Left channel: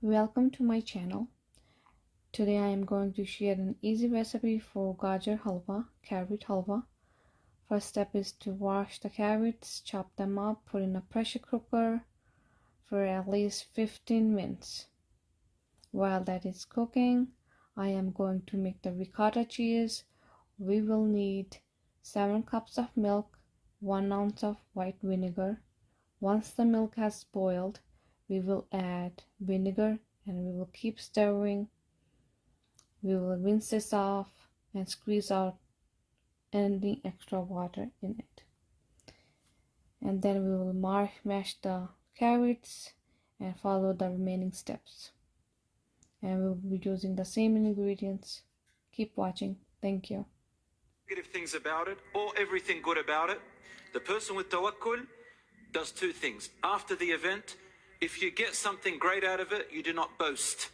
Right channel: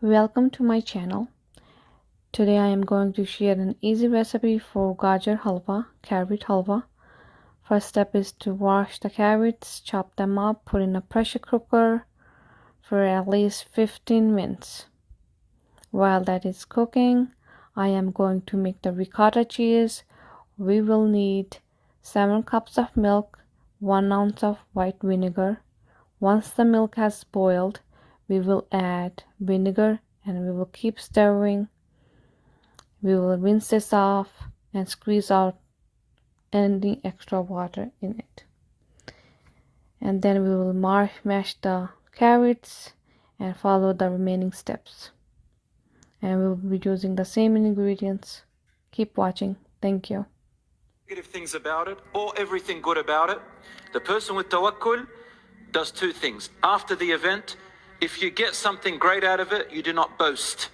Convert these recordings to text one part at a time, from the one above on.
Welcome to my channel. Today I am going to share an easy recipe for Gajar halwa, carrot halwa. First step is to wash the carrots, chop them up, put in a pressure cooker for at least 15 minutes. While that is cooking, I am going to make the ricotta cheese. We will need 7 cups of milk, 1 ounce of white vinegar. Once the milk has boiled, we will add vinegar and we will keep stirring. We will rinse this off and squeeze out any extra water in it. And then we will mash the carrots and follow the remaining steps. And we will be using the same ingredients. Keep watching. Thank you. Negative things about it or everything good about it. The person with tawakkul does two things. After the event, if you get something great out of it, you do not boast.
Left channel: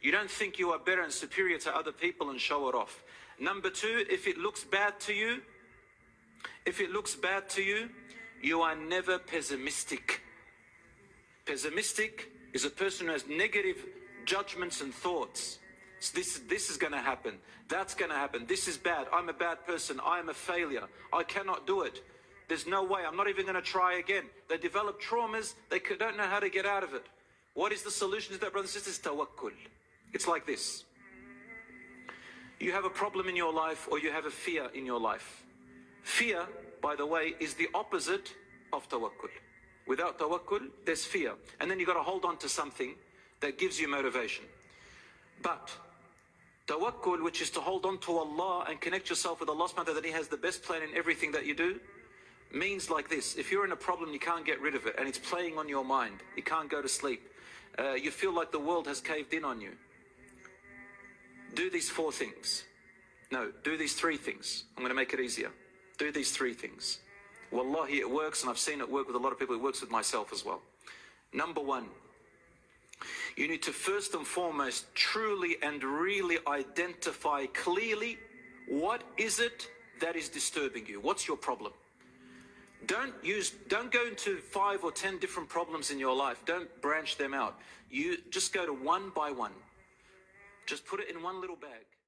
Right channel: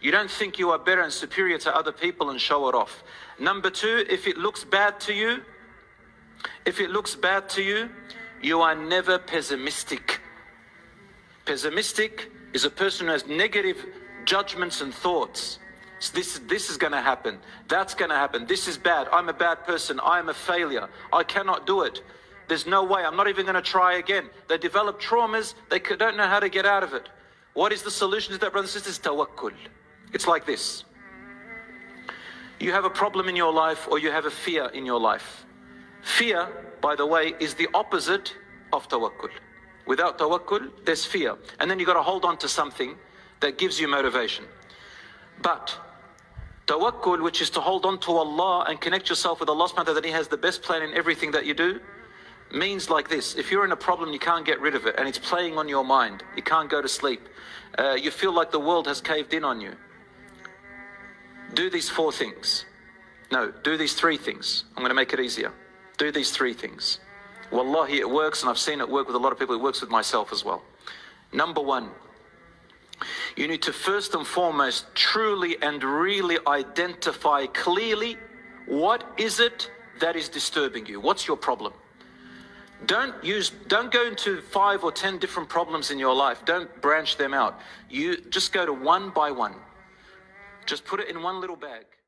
You don't think you are better and superior to other people and show it off. Number two, if it looks bad to you, you are never pessimistic. Pessimistic is a person who has negative judgments and thoughts. So this is going to happen. That's going to happen. This is bad. I'm a bad person. I am a failure. I cannot do it. There's no way. I'm not even going to try again. They develop traumas. They don't know how to get out of it. What is the solution to that, brothers and sisters? Tawakkul. It's like this. You have a problem in your life or you have a fear in your life. Fear, by the way, is the opposite of tawakkul. Without tawakkul, there's fear. And then you've got to hold on to something that gives you motivation. But tawakkul, which is to hold on to Allah and connect yourself with Allah subhanahu wa ta'ala, that He has the best plan in everything that you do, means like this. If you're in a problem, you can't get rid of it and it's playing on your mind. You can't go to sleep. You feel like the world has caved in on you. Do these 4 things. No, do these 3 things. I'm going to make it easier. Do these 3 things. Wallahi, it works, and I've seen it work with a lot of people. It works with myself as well. Number 1, you need to first and foremost truly and really identify clearly what is it that is disturbing you. What's your problem? Don't go into 5 or 10 different problems in your life. Don't branch them out. You just go to one by one. Just put it in one little bag.